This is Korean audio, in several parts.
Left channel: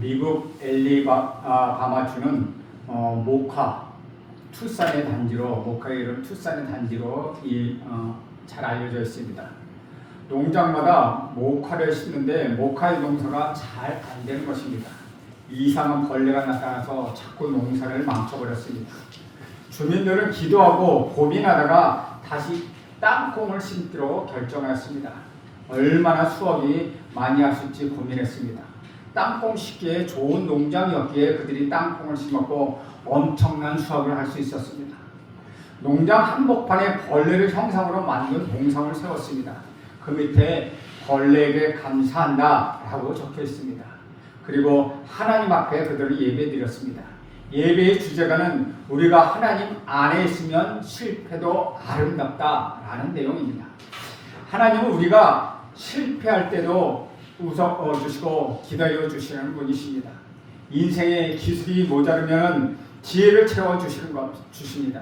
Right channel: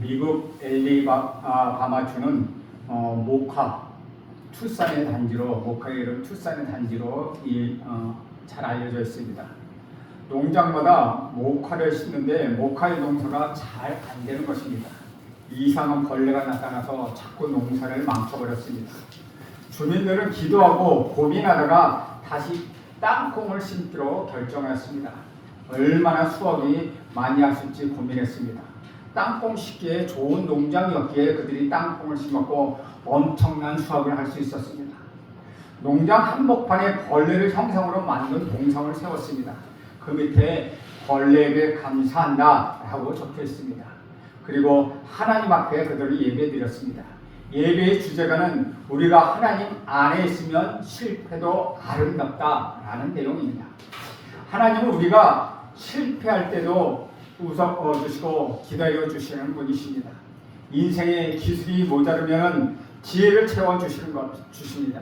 미국 엘리바마주는 모카 투싼의 단지로, 모카의 이름 투싼의 단지로 잘 알려져 있습니다. 농장마다 모카를 심는데 모카의 농사가 잘 안 되는 것입니다. 이상한 벌레가 나타나서 자꾸 농사를 망쳐버렸습니다. 주민들은 기도하고 고민하다가 다시 땅콩을 심기로 결정했습니다. 얼마나 수확이 많이 하실지 고민했습니다. 땅콩 심기에 좋은 농장이었기에 그들이 땅콩을 심었고 엄청난 수확을 할 수 있었습니다. 농장 한복판에 벌레를 형상으로 만든 동상을 세웠습니다. 그 밑에 벌레에게 감사한다 라고 적혀 있습니다. 그리고 하나님 앞에 그들을 예배 드렸습니다. 예배의 주제가는 우리가 하나님 안에 있으면 실패도 아름답다 라는 내용입니다. 하나님은 우리가 실패할 때도 웃어주시고 기다려 주시는 분이십니다. 인생의 기술이 모자르면 지혜를 주십니다.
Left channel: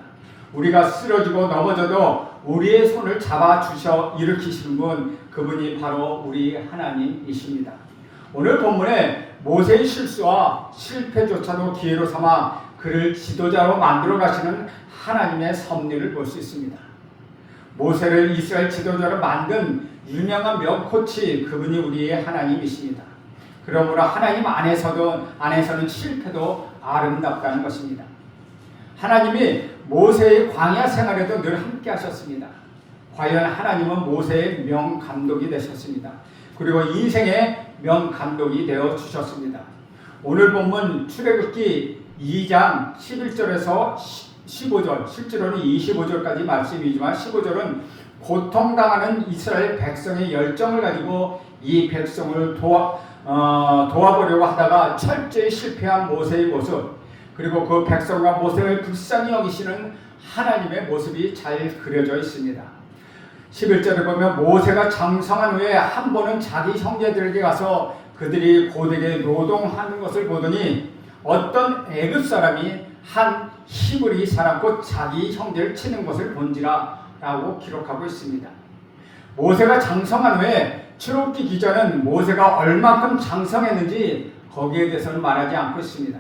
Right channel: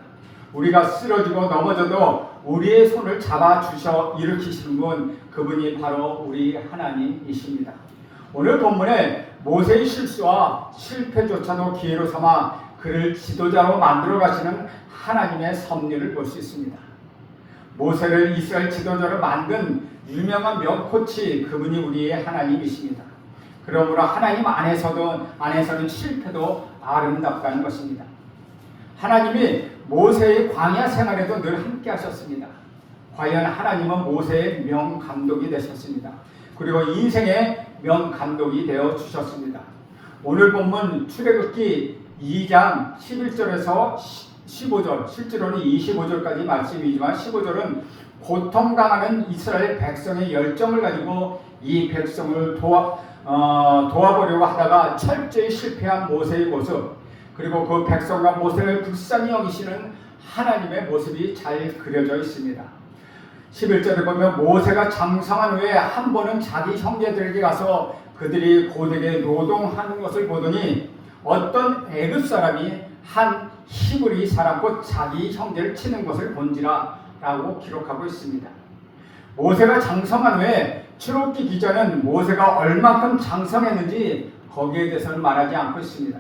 우리가 쓰러지고 넘어져도 우리의 손을 잡아 주셔 일으키시는 분, 그분이 바로 우리 하나님이십니다. 오늘 본문에 모세의 실수와 실패조차도 기회로 삼아 그를 지도자로 만들어 가시는 하나님의 섭리를 볼 수 있습니다. 모세를 이스라엘 지도자로 만든 유명한 명코치, 그분이 우리의 하나님이십니다. 그러므로 하나님 안에서는 실패도 아름답다는 것입니다. 하나님이 모세의 광야 생활에도 늘 함께 하셨습니다. 과연 하나님은 모세의 명감독이 되셨습니다. 그리고 인생의 명감독이 되어 주셨습니다. 오늘 본문 출애굽기 2장 11절에서 15절, 실제로는 25절까지 말씀이지만 15절은 고통당하는 이스라엘 백성의 열정을 가지고 이 백성을 도와보려고 하다가 철저히 실패한 모세의 모습, 그리고 그 백성과 모세를 불쌍히 여기시는 하나님의 모습이 잘 그려져 있습니다. 11절에 보면 모세가 장성한 후에 한 번은 자기 형제들에게 가서 그들이 고되게 노동하는 것을 보더니 어떤 애굽 사람이 한 히브리 사람 곧 자기 형제를 치는 것을 본지라 라고 기록하고 있습니다. 모세가 장성한 후에 출애굽기 기자는 모세가 얼만큼 장성했는지 거기에 대해서는 말하지 않고 있습니다.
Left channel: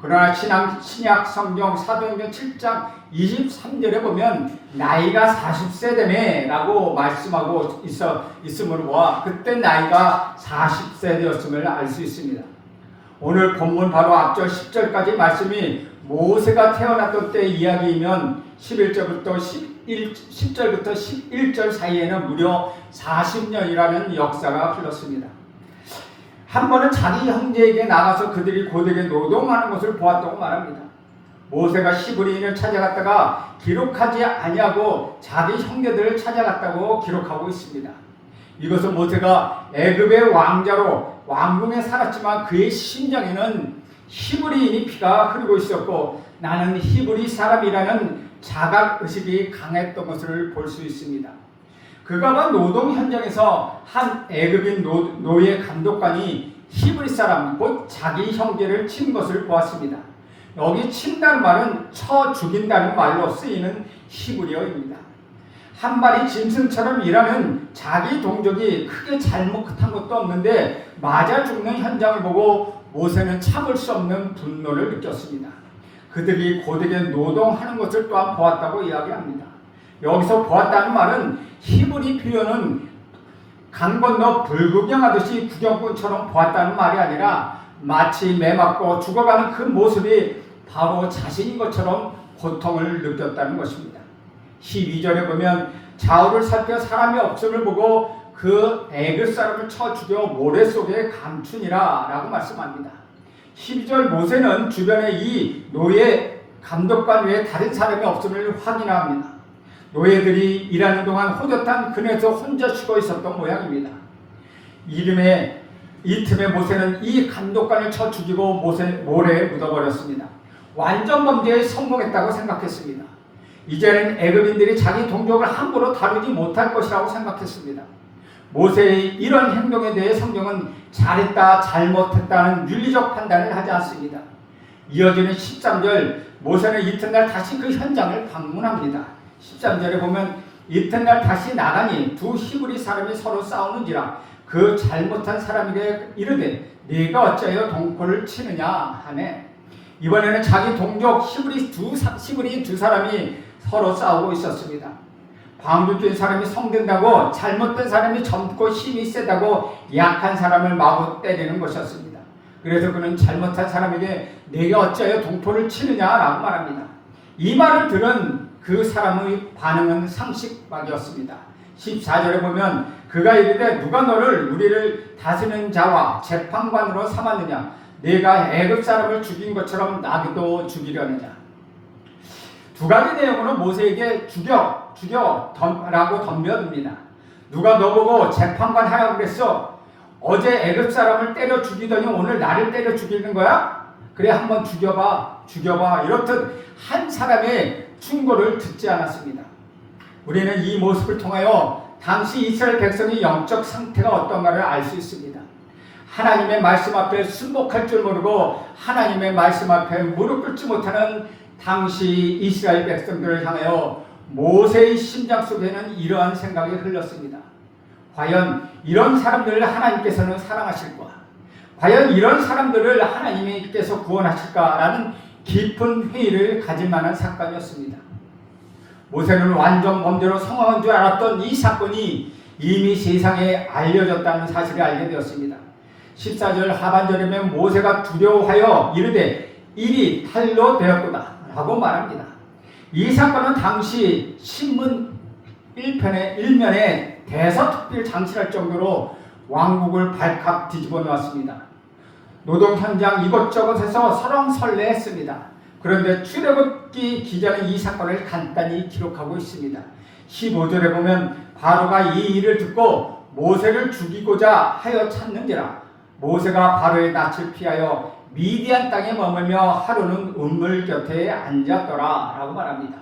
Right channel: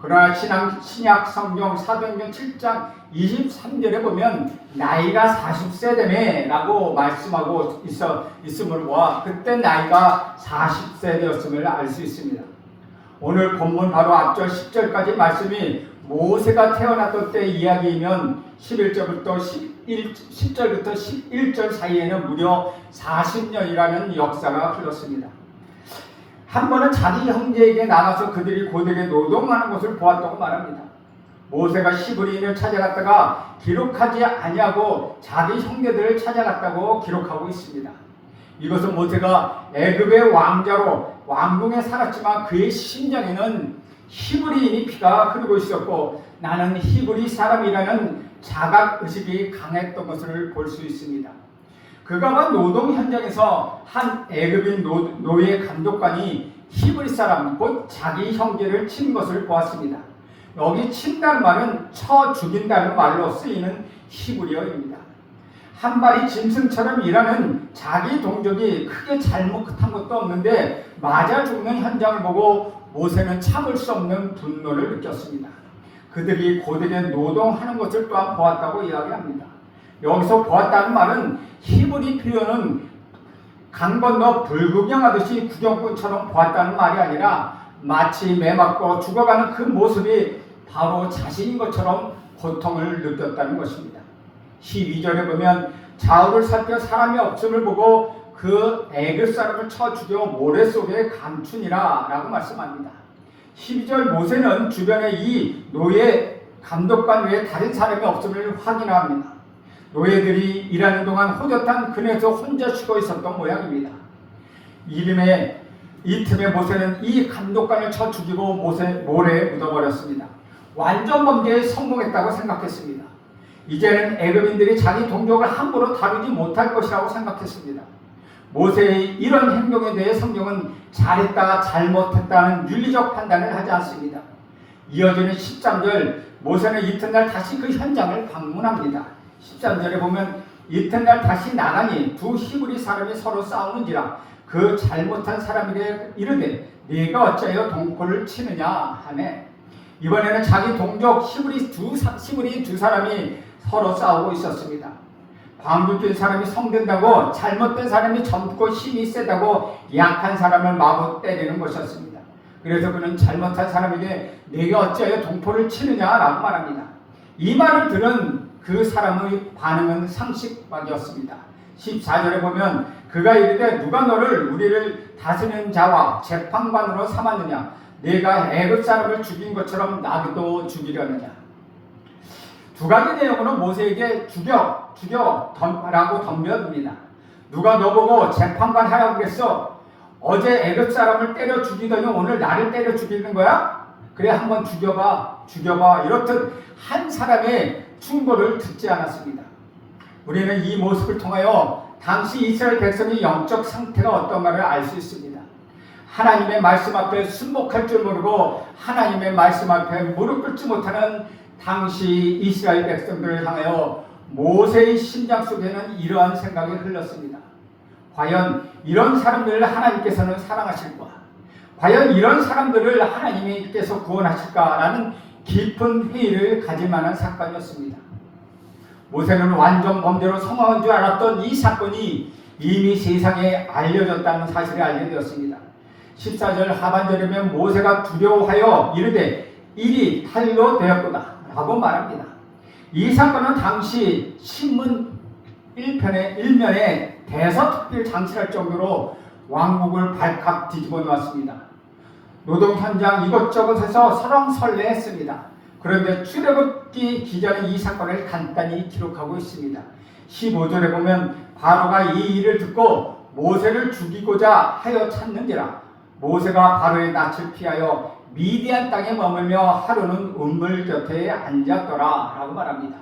그러나 신약 성경 사도행전 7장 23절에 보면 나이가 40세 되네 라고 말씀하고 있으므로 보아 그때 나이가 40세 되었음을 알 수 있습니다. 오늘 본문 바로 앞절 10절까지 말씀이 모세가 태어났던 때 이야기이면 10절부터 11절 사이에는 무려 40년이라는 역사가 흘렀습니다. 한 번은 자기 형제에게 나가서 그들이 고되게 노동하는 것을 보았다고 말합니다. 모세가 히브리인을 찾아갔다가 기록하지 아니하고 자기 형제들을 찾아갔다고 기록하고 있습니다. 이것은 모세가 애굽의 왕자로 왕궁에 살았지만 그의 심장에는 히브리인이 피가 흐르고 있었고 나는 히브리 사람이라는 자각의식이 강했던 것을 볼 수 있습니다. 그가 본 노동 현장에서 한 애굽인 노예 감독관이 히브리 사람 곧 자기 형제를 친 것을 보았습니다. 여기 친다는 말은 쳐 죽인다는 말로 쓰이는 히브리어입니다. 한 마리 짐승처럼 일하는 자기 동족이 크게 잘못한 것도 없는데 맞아 죽는 현장을 보고 모세는 참을 수 없는 분노를 느꼈습니다. 그들이 고되게 노동하는 것을 또한 보았다고 이야기합니다. 여기서 보았다는 말은 히브리 표현은 강 건너 불구경하듯이 구경꾼처럼 보았다는 말이 아니라 마치 매맞고 죽어가는 그 모습이 바로 자신인 것처럼 고통을 느꼈다는 것입니다. 12절에 보면 좌우를 살펴 사람이 없음을 보고 그 애굽 사람을 쳐 죽여 모래 속에 감추니라 라고 말씀합니다. 12절 모세는 주변에 이 노예 감독관 외에 다른 사람이 없음을 확인합니다. 노예들이 일하는 동안 호젓한 그네에서 혼자 쉬고 있었던 모양입니다. 이 틈에 모세는 이 감독관을 쳐 죽이고 모래에 묻어버렸습니다. 완전 범죄에 성공했다고 생각했습니다. 이제는 애굽인들이 자기 동족을 함부로 다루지 못할 것이라고 생각했습니다. 모세의 이런 행동에 대해 성경은 잘했다 잘못했다는 윤리적 판단을 하지 않습니다. 이어지는 13절 모세는 이튿날 다시 그 현장을 방문합니다. 13절에 보면 이튿날 다시 나가니 두 히브리 사람이 서로 싸우는지라 그 잘못한 사람에게 이르되 네가 어찌하여 동포를 치느냐 하네. 이번에는 자기 동족 히브리 두 사람이 서로 싸우고 있었습니다. 방죽된 사람이 성된다고 잘못된 사람이 젊고 힘이 세다고 약한 사람을 마구 때리는 것이었습니다. 그래서 그는 잘못한 사람에게 네가 어찌하여 동포를 치느냐라고 말합니다. 이 말을 들은 그 사람의 반응은 상식밖이었습니다. 14절에 보면 그가 이르되 누가 너를 우리를 다스리는 자와 재판관으로 삼았느냐 네가 애굽 사람을 죽인 것처럼 나도 죽이려느냐. 두 가지 내용으로 모세에게 죽여라고 덤벼듭니다. 누가 너보고 재판관 하라고 그랬어? 어제 애굽 사람을 때려 죽이더니 오늘 나를 때려 죽이는 거야? 그래 한번 죽여봐 이렇듯 한 사람의 충고를 듣지 않았습니다. 우리는 이 모습을 통하여 당시 이스라엘 백성의 영적 상태가 어떤가를 알 수 있습니다. 하나님의 말씀 앞에 순복할 줄 모르고 하나님의 말씀 앞에 무릎 꿇지 못하는 당시 이스라엘 백성들을 향하여 모세의 심장 속에는 이러한 생각이 흘렀습니다. 과연 이런 사람들을 하나님께서는 사랑하실까? 과연 이런 사람들을 하나님께서 구원하실까라는 깊은 회의를 가질 만한 사건이었습니다. 모세는 완전 범죄로 성공한 줄 알았던 이 사건이 이미 세상에 알려졌다는 사실을 알게 되었습니다. 14절 하반절이면 모세가 두려워하여 이르되 일이 탈로 되었도다 라고 말합니다. 이 사건은 당시 신문 1면에 대서특필 장치할 정도로 왕국을 발칵 뒤집어 놓았습니다. 노동 현장 이곳저곳에서 설왕설래했습니다. 그런데 출애굽기 기자는 이 사건을 간단히 기록하고 있습니다. 15절에 보면 바로가 이 일을 듣고 모세를 죽이고자 하여 찾는지라 모세가 바로의 낯을 피하여 미디안 땅에 머물며 하루는 우물 곁에 앉았더라 라고 말합니다.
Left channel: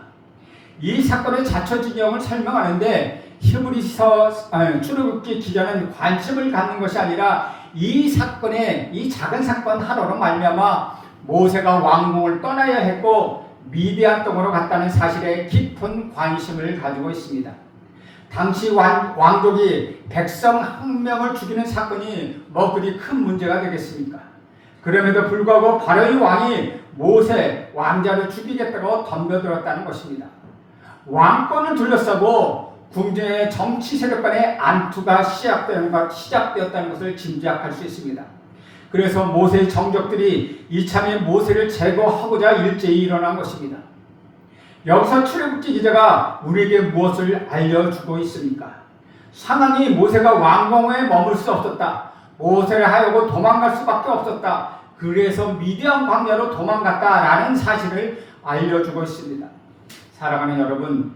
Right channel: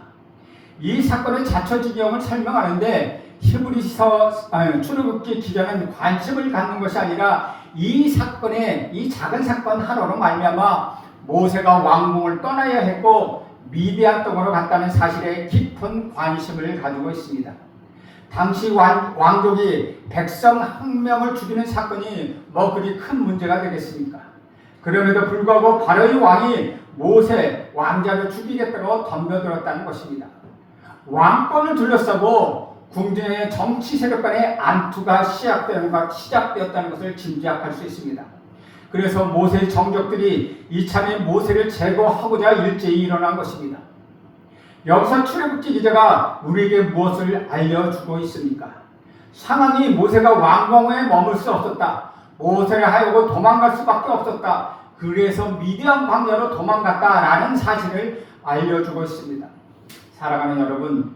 이 사건의 자초지경을 설명하는데 히브리서 출애굽기 기자는 관심을 갖는 것이 아니라 이 사건의 이 작은 사건 하나로 말미암아 모세가 왕궁을 떠나야 했고 미디안 땅으로 갔다는 사실에 깊은 관심을 가지고 있습니다. 당시 왕족이 백성 한 명을 죽이는 사건이 뭐 그리 큰 문제가 되겠습니까? 그럼에도 불구하고 바로의 왕이 모세 왕자를 죽이겠다고 덤벼들었다는 것입니다. 왕권을 둘러싸고 궁정의 정치 세력 간의 안투가 시작되었다는 것을 짐작할 수 있습니다. 그래서 모세의 정적들이 이참에 모세를 제거하고자 일제히 일어난 것입니다. 여기서 출애굽기 기자가 우리에게 무엇을 알려주고 있습니까? 상황이 모세가 왕궁에 머물 수 없었다. 모세를 하여고 도망갈 수밖에 없었다. 그래서 미디안 광야로 도망갔다라는 사실을 알려주고 있습니다. 사랑하는 여러분,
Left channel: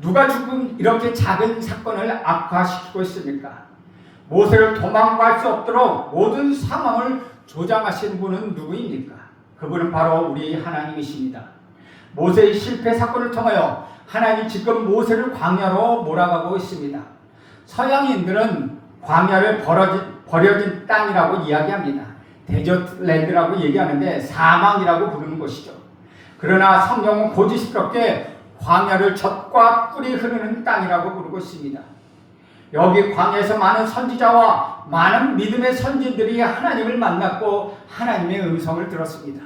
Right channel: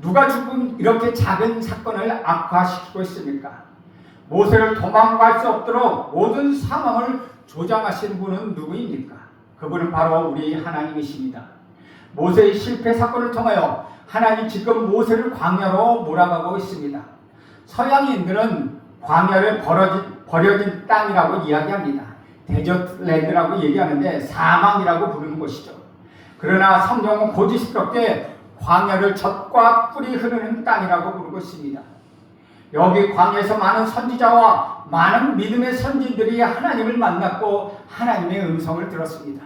누가 지금 이렇게 작은 사건을 악화시키고 있습니까? 모세를 도망갈 수 없도록 모든 상황을 조장하신 분은 누구입니까? 그분은 바로 우리 하나님이십니다. 모세의 실패 사건을 통하여 하나님 지금 모세를 광야로 몰아가고 있습니다. 서양인들은 광야를 버려진 땅이라고 이야기합니다. 데저트랜드라고 얘기하는데 사망이라고 부르는 곳이죠. 그러나 성경은 고지식스럽게 광야를 젖과 꿀이 흐르는 땅이라고 부르고 있습니다. 여기 광야에서 많은 선지자와 많은 믿음의 선진들이 하나님을 만났고 하나님의 음성을 들었습니다.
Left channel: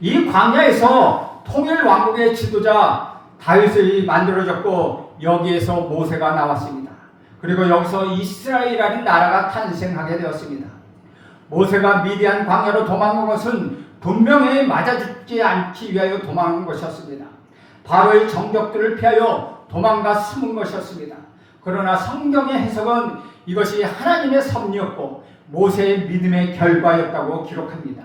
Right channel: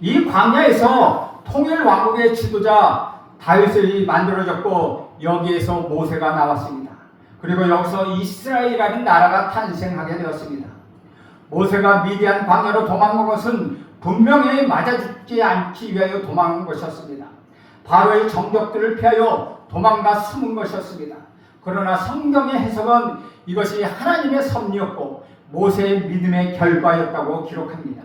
이 광야에서 통일 왕국의 지도자 다윗이 만들어졌고 여기에서 모세가 나왔습니다. 그리고 여기서 이스라엘이라는 나라가 탄생하게 되었습니다. 모세가 미디안 광야로 도망간 것은 분명히 맞아 죽지 않기 위하여 도망간 것이었습니다. 바로의 정적들을 피하여 도망가 숨은 것이었습니다. 그러나 성경의 해석은 이것이 하나님의 섭리였고 모세의 믿음의 결과였다고 기록합니다.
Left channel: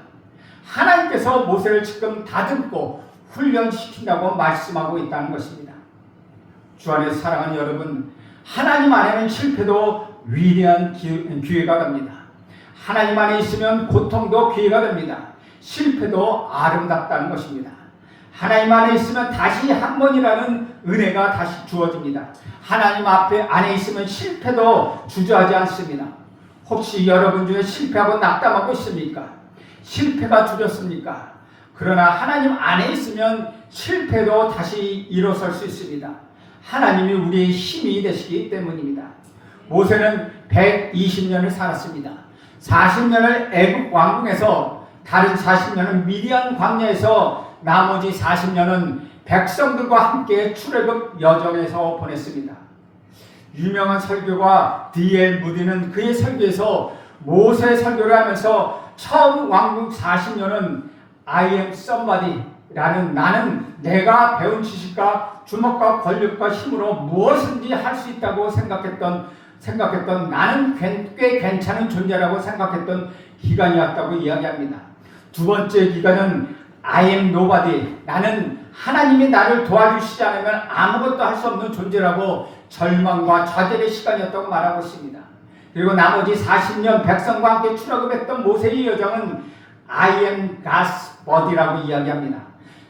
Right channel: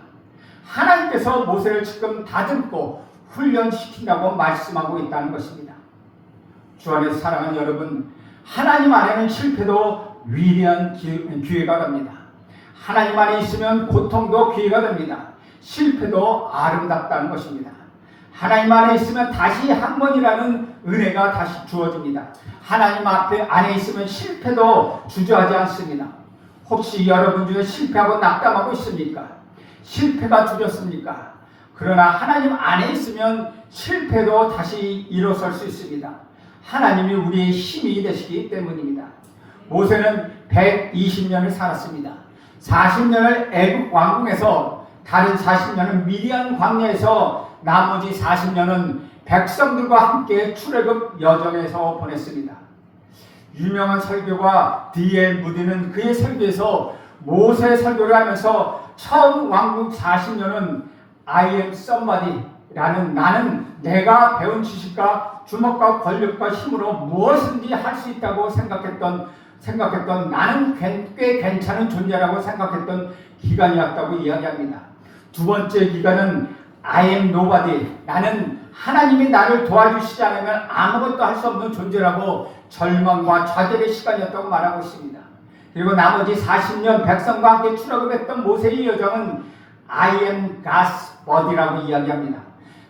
하나님께서 모세를 지금 다듬고 훈련시킨다고 말씀하고 있다는 것입니다. 주 안에서 사랑하는 여러분, 하나님 안에는 실패도 위대한 기회가 됩니다. 하나님 안에 있으면 고통도 기회가 됩니다. 실패도 아름답다는 것입니다. 하나님 안에 있으면 다시 한 번이라는 은혜가 다시 주어집니다. 하나님 안에 있으면 실패도 주저하지 않습니다. 혹시 여러분 중에 실패하고 낙담하고 있습니까? 실패가 두렵습니까? 그러나 하나님 안에 있으면 실패도 다시 일어설 수 있습니다. 하나님이 우리의 힘이 되시기 때문입니다. 모세는 120년을 살았습니다. 40년을 애굽 왕궁에서, 다른 40년은 미디안 광야에서, 나머지 40년은 백성들과 함께 출애굽 여정에서 보냈습니다. 유명한 설교가 D.L. 무디는 그의 설교에서 모세 설교를 하면서 처음 왕국 40년은 I am somebody 라는, 나는 내가 배운 지식과 주먹과 권력과 힘으로 무엇인지 할 수 있다고 생각했던 나는 꽤 괜찮은 존재라고 생각했던 기간이었다고 이야기합니다. 두 번째 기간은 I am nobody, 나는 하나님이 나를 도와주시지 않으면 아무것도 할 수 없는 존재라고 절망과 좌절의 시간이었다고 말하고 있습니다. 그리고 나머지 40년 백성과 함께 출애굽했던 모세의 여정은 I am God's body라고 이야기합니다.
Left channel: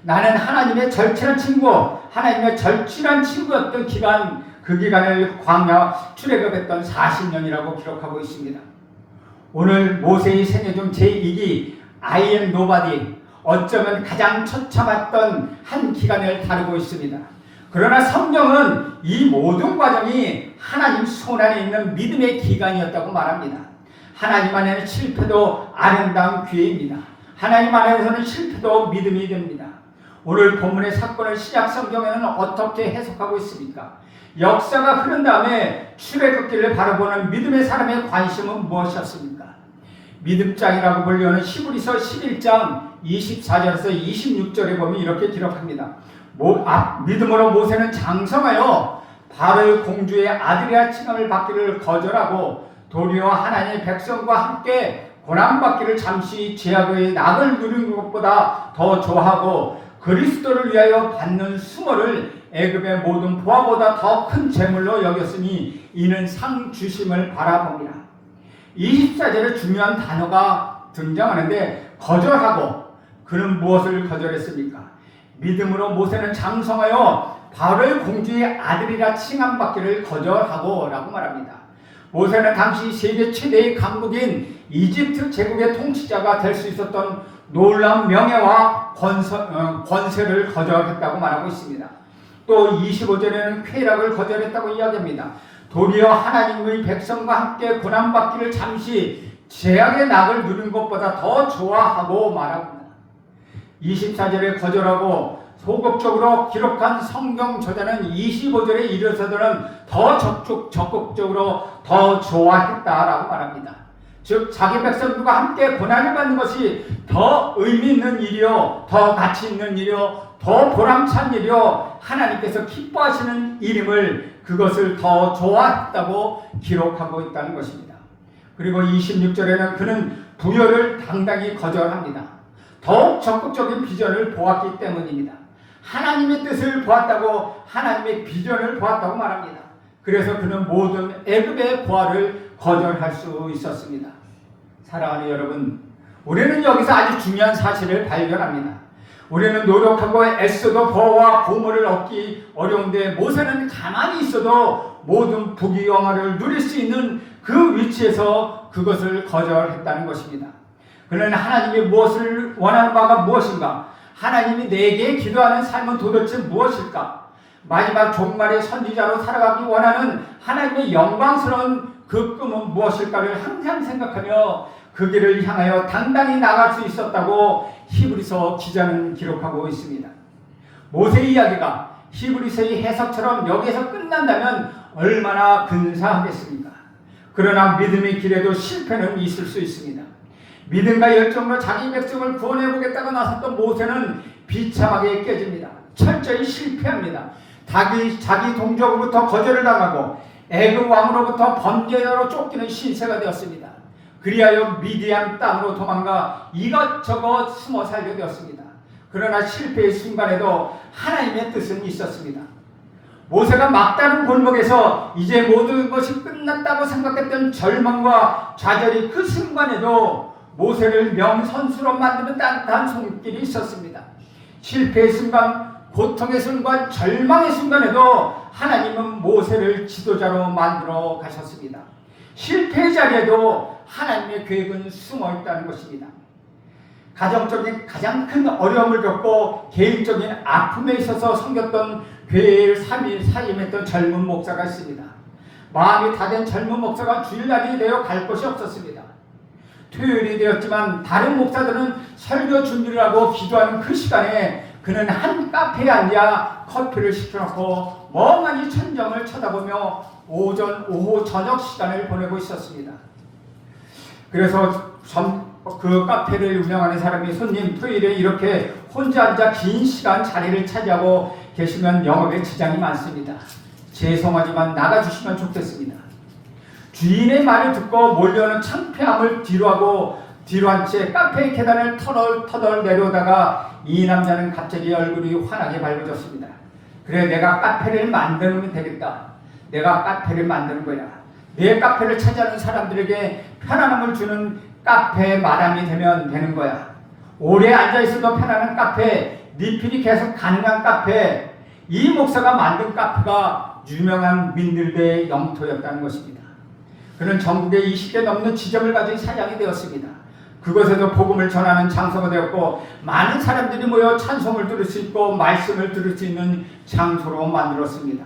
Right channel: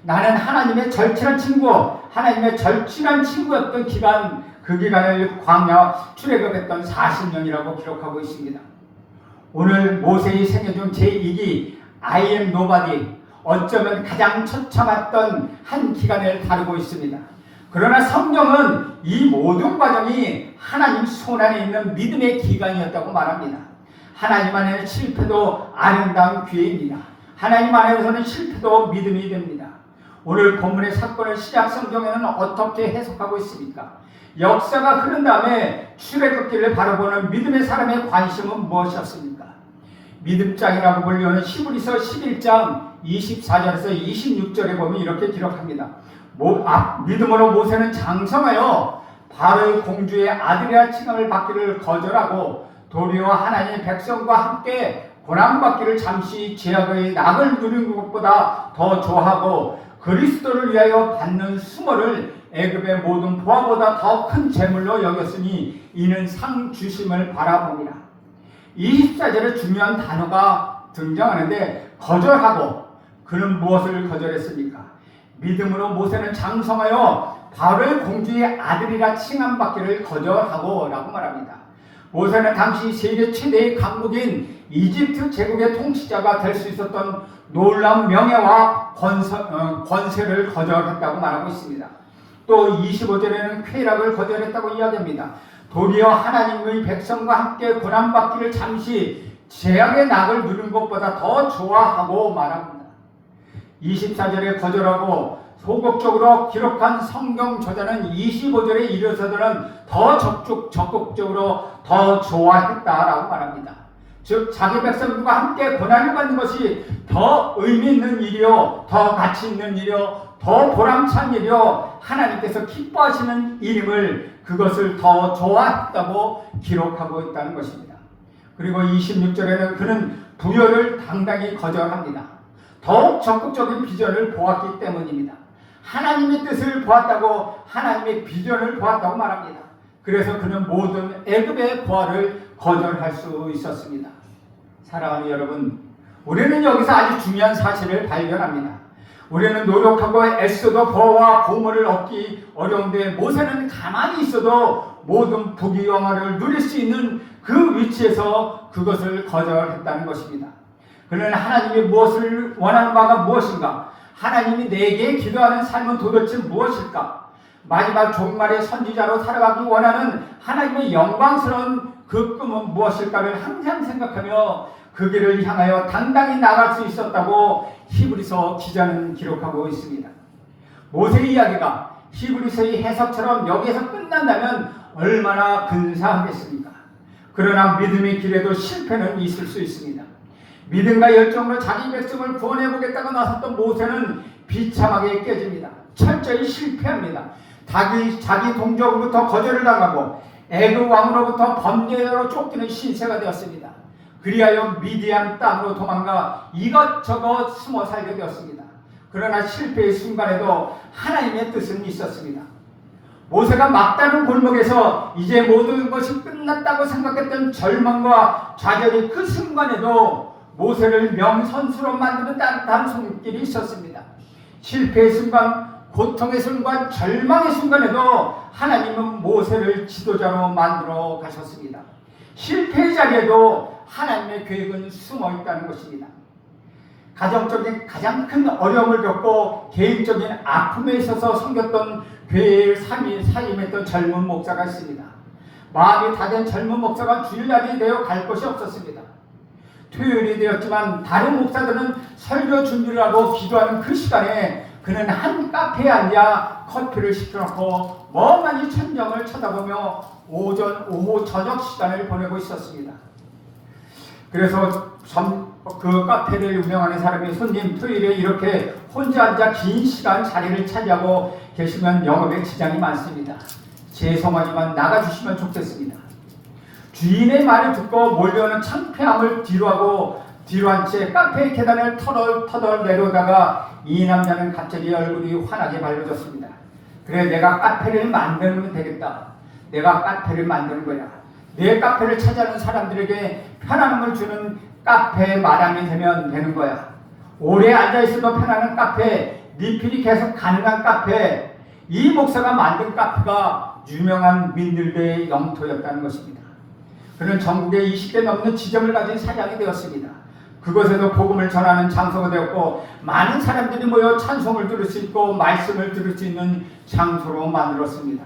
나는 하나님의 절친한 친구, 하나님의 절친한 친구였던 기간, 그 기간을 광야 출애굽했던 40년이라고 기록하고 있습니다. 오늘 모세의 생애 중 제2기 I am nobody, 어쩌면 가장 처참했던 한 기간을 다루고 있습니다. 그러나 성경은 이 모든 과정이 하나님 손 안에 있는 믿음의 기간이었다고 말합니다. 하나님 안에는 실패도 아름다운 기회입니다. 하나님 안에서는 실패도 믿음이 됩니다. 오늘 본문의 사건을 신약 성경에는 어떻게 해석하고 있습니까? 역사가 흐른 다음에 출애굽기를 바라보는 믿음의 사람의 관심은 무엇이었습니까? 믿음장이라고 불리는 히브리서 11장 24절에서 26절에 보면 이렇게 기록합니다. 믿음으로 모세는 장성하여 바로의 공주의 아들이라 칭함을 받기를 거절하고 도리어 하나님의 백성과 함께 고난받기를 잠시 죄악의 낙을 누리는 것보다 더 좋아하고 그리스도를 위하여 받는 수모를 애굽의 모든 보화보다 더 큰 재물로 여겼으니 이는 상 주심을 바라봅니다. 24절에 중요한 단어가 등장하는데 거절하고, 그는 무엇을 거절했습니까? 믿음으로 모세는 장성하여 바로의 공주의 아들이라 칭함받기를 거절하고 라고 말합니다. 모세는 당시 세계 최대의 강국인 이집트 제국의 통치자가 될 수 있었던 놀라운 명예와 권세를 거절했다고 말하고 있습니다. 또 25절에는 쾌락을 거절했다고 이야기합니다. 도리어 하나님의 백성과 함께 고난받기를 잠시 죄악의 낙을 누리는 것보다 더 좋아하고 말합니다. 24절에 거절하고 소극적으로 기록한 성경 저자는 25절에 이르러서는 더 적극적으로 더 좋아했다라고 말합니다. 즉 자기 백성들과 함께 고난을 받는 것이 더 의미 있는 일이요, 더 가치 있는 일이요, 더 보람찬 일이요, 하나님께서 기뻐하시는 일임을, 그것을 더 좋아했다고 기록하고 있다는 것입니다. 그리고 26절에는 그는 부여를 당당히 거절합니다. 더욱 적극적인 비전을 보았기 때문입니다. 하나님의 뜻을 보았다고, 하나님의 비전을 보았다고 말합니다. 그래서 그는 모든 애굽의 부활을 거절할 수 있었습니다. 사랑하는 여러분, 우리는 여기서 아주 중요한 사실을 발견합니다. 우리는 노력하고 애써도 부와 보물을 얻기 어려운데 모세는 가만히 있어도 모든 부귀영화를 누릴 수 있는 그 위치에서 그것을 거절했다는 것입니다. 그는 하나님이 무엇을 원하는 바가 무엇인가? 하나님이 내게 기도하는 삶은 도대체 무엇일까? 마지막 종말의 선지자로 살아가기 원하는 하나님의 영광스러운 그 꿈은 무엇일까를 항상 생각하며 그 길을 향하여 당당히 나갈 수 있었다고 히브리서 기자는 기록하고 있습니다. 모세의 이야기가 히브리서의 해석처럼 여기에서 끝난다면 얼마나 근사하겠습니까? 그러나 믿음의 길에도 실패는 있을 수 있습니다. 믿음과 열정으로 자기 백성을 구원해보겠다고 나섰던 모세는 비참하게 깨집니다. 철저히 실패합니다. 자기 동족으로부터 거절을 당하고 애굽 왕으로부터 범죄자로 쫓기는 신세가 되었습니다. 그리하여 미디안 땅으로 도망가 이것저것 숨어 살게 되었습니다. 그러나 실패의 순간에도 하나님의 뜻은 있었습니다. 모세가 막다른 골목에서 이제 모든 것이 끝났다고 생각했던 절망과 좌절이 그 순간에도 모세를 명선수로 만드는 따뜻한 손길이 있었습니다. 실패의 순간, 고통의 순간, 절망의 순간에도 하나님은 모세를 지도자로 만들어 가셨습니다. 실패의 자리에도 하나님의 계획은 숨어 있다는 것입니다. 가정적인 가장 큰 어려움을 겪고 개인적인 아픔에 있어서 섬겼던 교회를 사임했던 젊은 목사가 있습니다. 마음이 다 된 젊은 목사가 주일날이 되어 갈 곳이 없었습니다. 토요일이 되었지만 다른 목사들은 설교 준비를 하고 기도하는 그 시간에 그는 한 카페에 앉아 커피를 시켜놓고 멍하니 천정을 쳐다보며 오전, 오후, 저녁 시간을 보내고 있었습니다. 그래서 그 카페를 운영하는 사람이 손님 토요일에 이렇게 혼자 앉아 긴 시간 자리를 차지하고 계시면 영업에 지장이 많습니다. 죄송하지만 나가주시면 좋겠습니다. 주인의 말을 듣고 몰려오는 창피함을 뒤로하고 뒤로한 채 카페의 계단을 터덜터덜 내려오다가 이 남자는 갑자기 얼굴이 환하게 밝아졌습니다. 그래, 내가 카페를 만들면 되겠다. 내가 카페를 만드는 거야. 내 카페를 찾아오는 사람들에게 편안함을 주는 카페 마담이 되는 거야. 오래 앉아있어도 편안한 카페, 리필이 계속 가능한 카페, 이 목사가 만든 카페가 유명한 민들레의 영토였다는 것입니다. 그는 전국에 20개 넘는 지점을 가진 사장이 되었습니다. 그곳에서 복음을 전하는 장소가 되었고 많은 사람들이 모여 찬송을 들을 수 있고 말씀을 들을 수 있는 장소로 만들었습니다.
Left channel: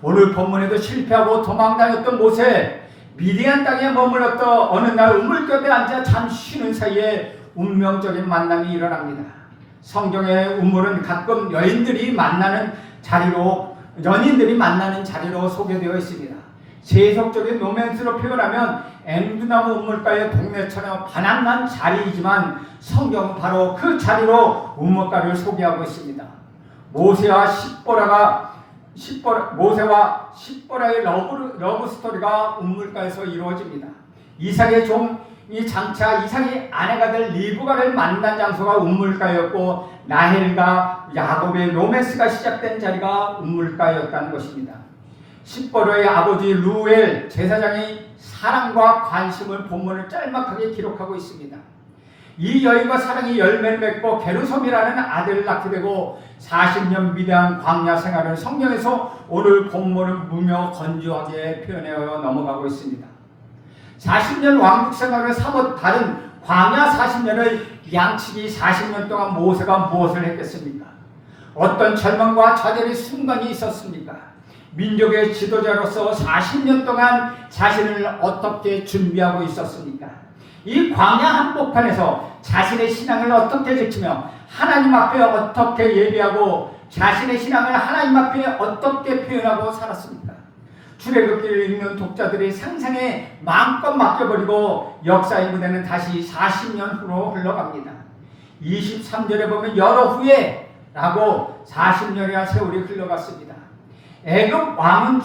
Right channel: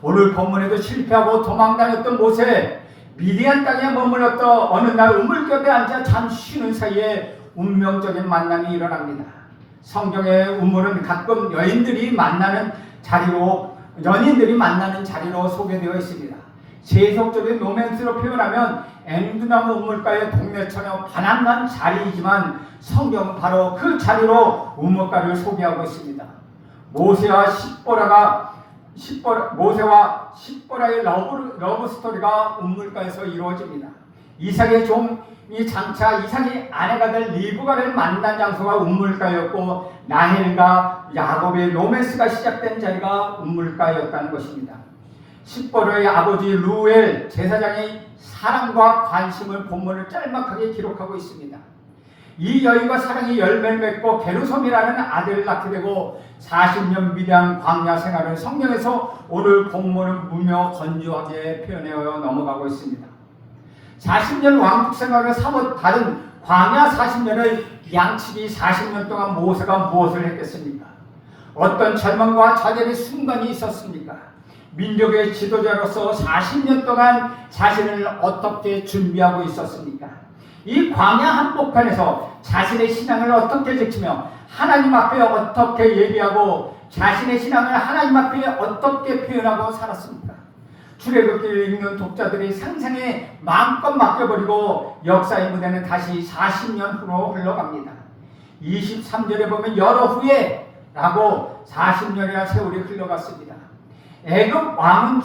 오늘 본문에도 실패하고 도망다녔던 모세, 미디안 땅에 머물렀던 어느 날 우물겹에 앉아 잠시 쉬는 사이에 운명적인 만남이 일어납니다. 성경의 우물은 가끔 연인들이 만나는 자리로 소개되어 있습니다. 세속적인 로맨스로 표현하면 앵두나무 우물가의 동네처럼 바람난 자리이지만 성경은 바로 그 자리로 우물가를 소개하고 있습니다. 모세와 십보라의 러브 스토리가 우물가에서 이루어집니다. 이삭의 종이 장차 이삭의 아내가 될 리브가를 만난 장소가 우물가였고 라헬과 야곱의 로맨스가 시작된 자리가 우물가였다는 것입니다. 십보라의 아버지 루엘 제사장의 사랑과 관심을 본문을 짤막하게 기록하고 있습니다. 이 여인과 사랑이 열매를 맺고 게르솜이라는 아들을 낳게 되고 40년 미디안 광야 생활을 성경에서 오늘 본문은 무며 건조하게 표현하여 넘어가고 있습니다. 40년 왕국 생활을 사뭇 다른 광야 40년을 양치기 40년 동안 모세가 무엇을 했겠습니까? 어떤 절망과 좌절의 순간이 있었습니까? 민족의 지도자로서 40년 동안 자신을 어떻게 준비하고 있었습니까? 이 광야 한복판에서 자신의 신앙을 어떻게 지키며 하나님 앞에 어떻게 예배하고 자신의 신앙을 하나님 앞에 어떻게 표현하고 살았습니까? 출애굽기를 읽는 독자들의 상상에 마음껏 맡겨버리고 역사의 무대는 다시 40년 후로 흘러갑니다. 23절에 보면 여러 후에 라고 40년이나 세월이 흘러갔습니다. 애굽 왕은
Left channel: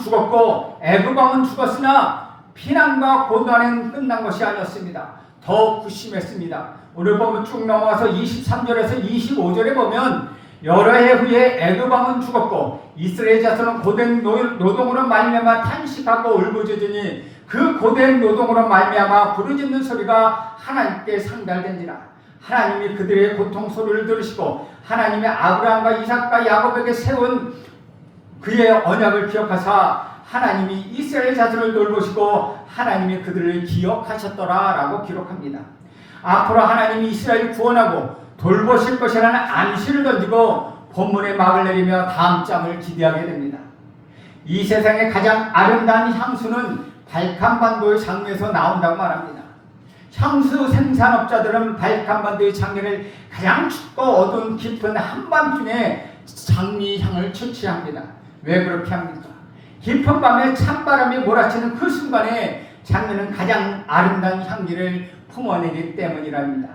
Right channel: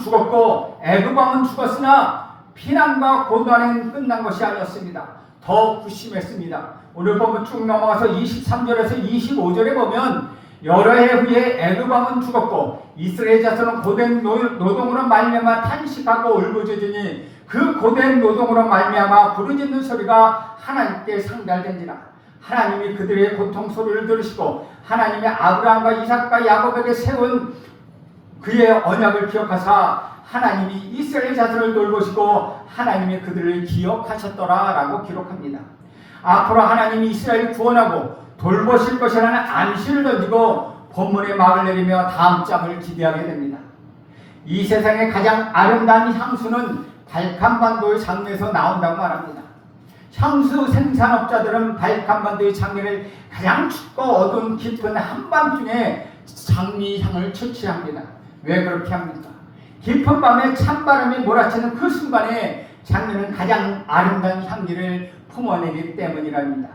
죽었으나 피난과 고난은 끝난 것이 아니었습니다. 더 심했습니다. 오늘 보면 쭉 넘어가서 23절에서 25절에 보면 여러 해 후에 애굽 왕은 죽었고 이스라엘 자손은 고된 노동으로 말미암아 탄식하고 울부짖으니 그 고된 노동으로 말미암아 부르짖는 소리가 하나님께 상달된지라. 하나님이 그들의 고통 소리를 들으시고 하나님의 아브라함과 이삭과 야곱에게 세운 그의 언약을 기억하사 하나님이 이스라엘 자손을 돌보시고 하나님이 그들을 기억하셨더라 라고 기록합니다. 앞으로 하나님이 이스라엘을 구원하고 돌보실 것이라는 암시를 던지고 본문의 막을 내리며 다음 장을 기대하게 됩니다. 이 세상의 가장 아름다운 향수는 발칸반도의 장미에서 나온다고 말합니다. 향수 생산업자들은 발칸반도의 장미를 가장 춥고 어두운 깊은 한밤중에 장미 향을 채취합니다. 왜 그렇게 합니까? 깊은 밤에 찬바람이 몰아치는 그 순간에 장미는 가장 아름다운 향기를 품어내기 때문이랍니다.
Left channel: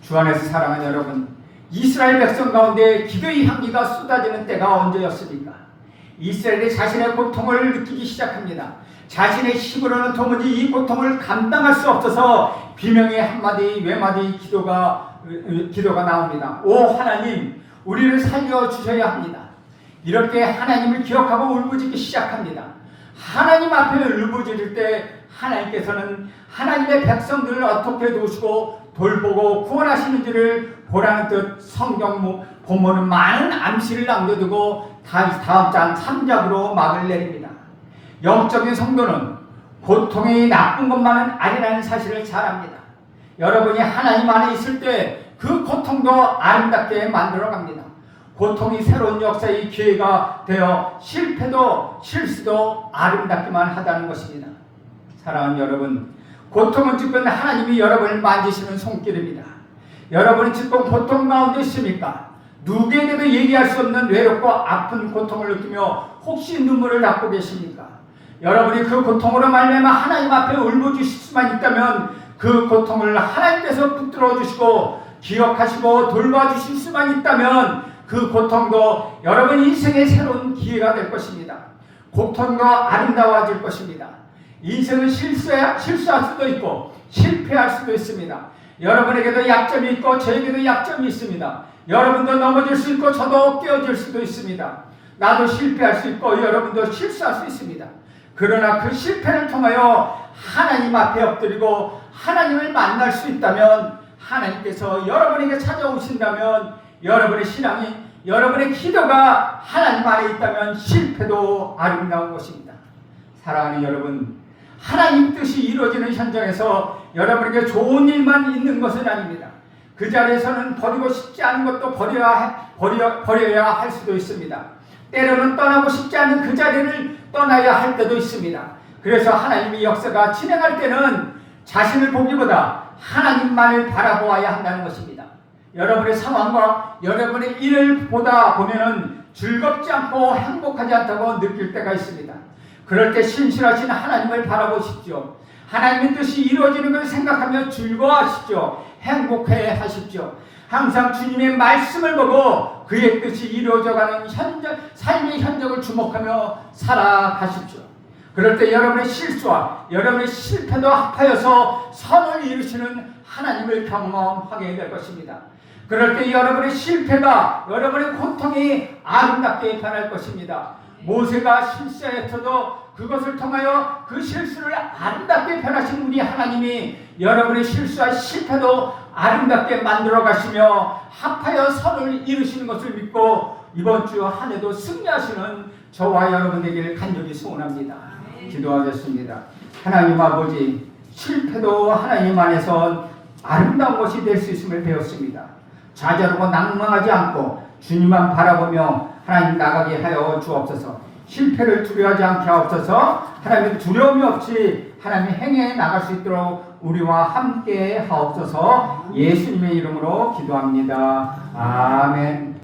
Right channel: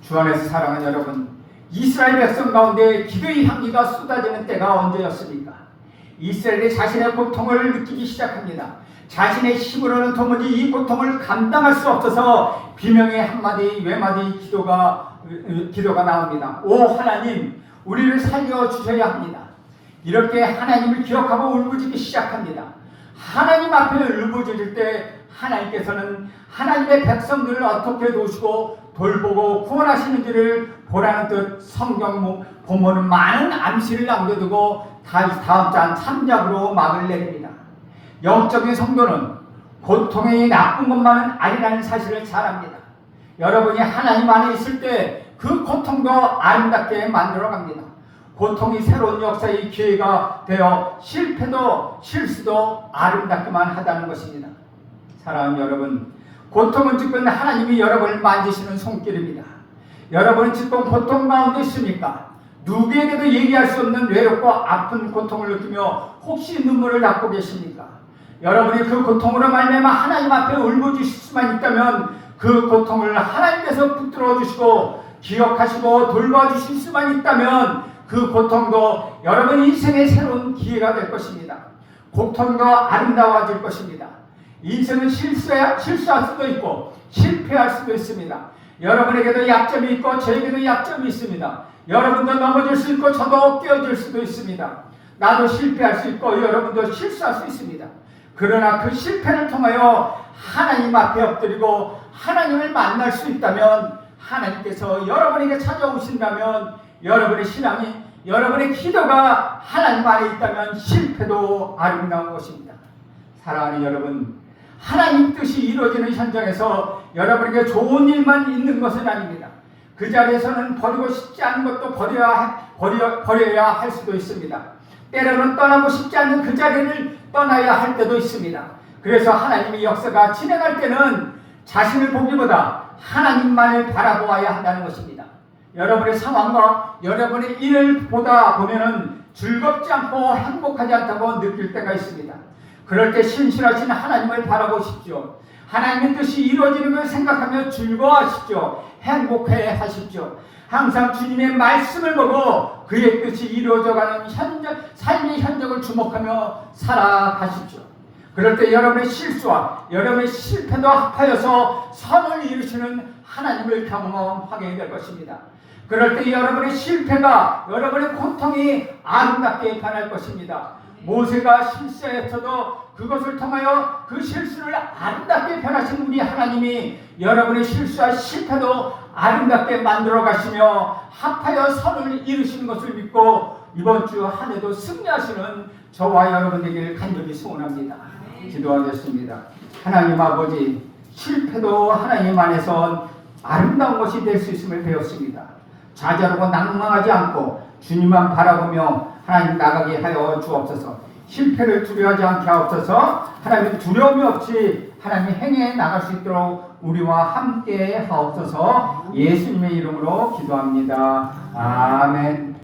주 안에서 사랑하는 여러분, 이스라엘 백성 가운데 기도의 향기가 쏟아지는 때가 언제였습니까? 이스라엘이 자신의 고통을 느끼기 시작합니다. 자신의 힘으로는 도무지 이 고통을 감당할 수 없어서 비명의 한마디 외마디 기도가 나옵니다. 오 하나님, 우리를 살려주셔야 합니다. 이렇게 하나님을 기억하고 울부짖기 시작합니다. 하나님 앞에 울부짖을 때 하나님께서는 하나님의 백성들을 어떻게 도우시고 돌보고 구원하시는지를 보라는 뜻 성경 본문은 많은 암시를 남겨두고 다음 장 3장으로 막을 내립니다. 영적인 성도는 고통이 나쁜 것만은 아니라는 사실을 잘 압니다. 여러분이 하나님 안에 있을 때 그 고통도 아름답게 만들어 갑니다. 고통이 새로운 역사의 기회가 되어 실패도 실수도 아름답기만 하다는 것입니다. 사랑하는 여러분, 고통은 지금 하나님이 여러분을 만지시는 손길입니다. 여러분은 지금 고통 가운데 있습니까? 누구에게도 얘기할 수 없는 외롭고 아픈 고통을 느끼며 혹시 눈물을 닦고 계십니까? 여러분이 그 고통으로 말미암아 하나님 앞에 울부짖을 수만 있다면 그 고통을 하나님께서 붙들어 주시고 기억하시고 돌봐주실 수만 있다면 그 고통도 여러분 인생의 새로운 기회가 될 것입니다. 고통도 아름다워질 것입니다. 인생은 실수할 수도 있고 실패할 수도 있습니다. 여러분에게도 약점이 있고 저에게도 약점이 있습니다. 여러분도 넘어질 수 있고 저도 깨어질 수도 있습니다. 나도 실패할 수 있고 여러분도 실수할 수 있습니다. 그러나 그 실패를 통하여 하나님 앞에 엎드리고 하나님을 만날 수 있다면, 하나님께서 여러분에게 찾아오신다면, 여러분의 신앙이, 여러분의 기도가 하나님 안에 있다면 실패도 아름다운 것입니다. 사랑하는 여러분, 하나님 뜻이 이루어지는 현장에서 여러분에게 좋은 일만 있는 것은 아닙니다. 그 자리에서는 버리고 싶지 않은 것도 버려야 할 수도 있습니다. 때로는 떠나고 싶지 않은 그 자리를 떠나야 할 때도 있습니다. 그래서 하나님의 역사가 진행할 때는 자신을 보기보다 하나님만을 바라보아야 한다는 것입니다. 여러분의 상황과 여러분의 일을 보다 보면은 즐겁지 않고 행복하지 않다고 느낄 때가 있습니다. 그럴 때 신실하신 하나님을 바라보십시오. 하나님의 뜻이 이루어지는 걸 생각하며 즐거워하십시오. 행복해 하십시오. 항상 주님의 말씀을 보고 그의 뜻이 이루어져가는 삶의 현장을 주목하며 살아가십시오. 그럴 때 여러분의 실수와 여러분의 실패도 합하여서 선을 이루시는 하나님을 경험하게 될 것입니다. 그럴 때 여러분의 실패가 여러분의 고통이 아름답게 변할 것입니다. 모세가 실수했어도 그것을 통하여 그 실수를 아름답게 변하신 우리 하나님이 여러분의 실수와 실패도 아름답게 만들어 가시며 합하여 선을 이루시는 것을 믿고 이번 주 한 해도 승리하시는 저와 여러분 되기를 간절히 소원합니다. 기도하겠습니다. 하나님 아버지, 실패도 하나님 안에서 아름다운 것이 될 수 있음을 배웠습니다. 좌절하고 낭망하지 않고 주님만 바라보며 하나님 나가게 하여 주옵소서. 실패를 두려워하지 않게 하옵소서. 하나님 두려움이 없이 하나님 행해 나갈 수 있도록 우리와 함께 하옵소서. 예수님의 이름으로 기도합니다. 아멘.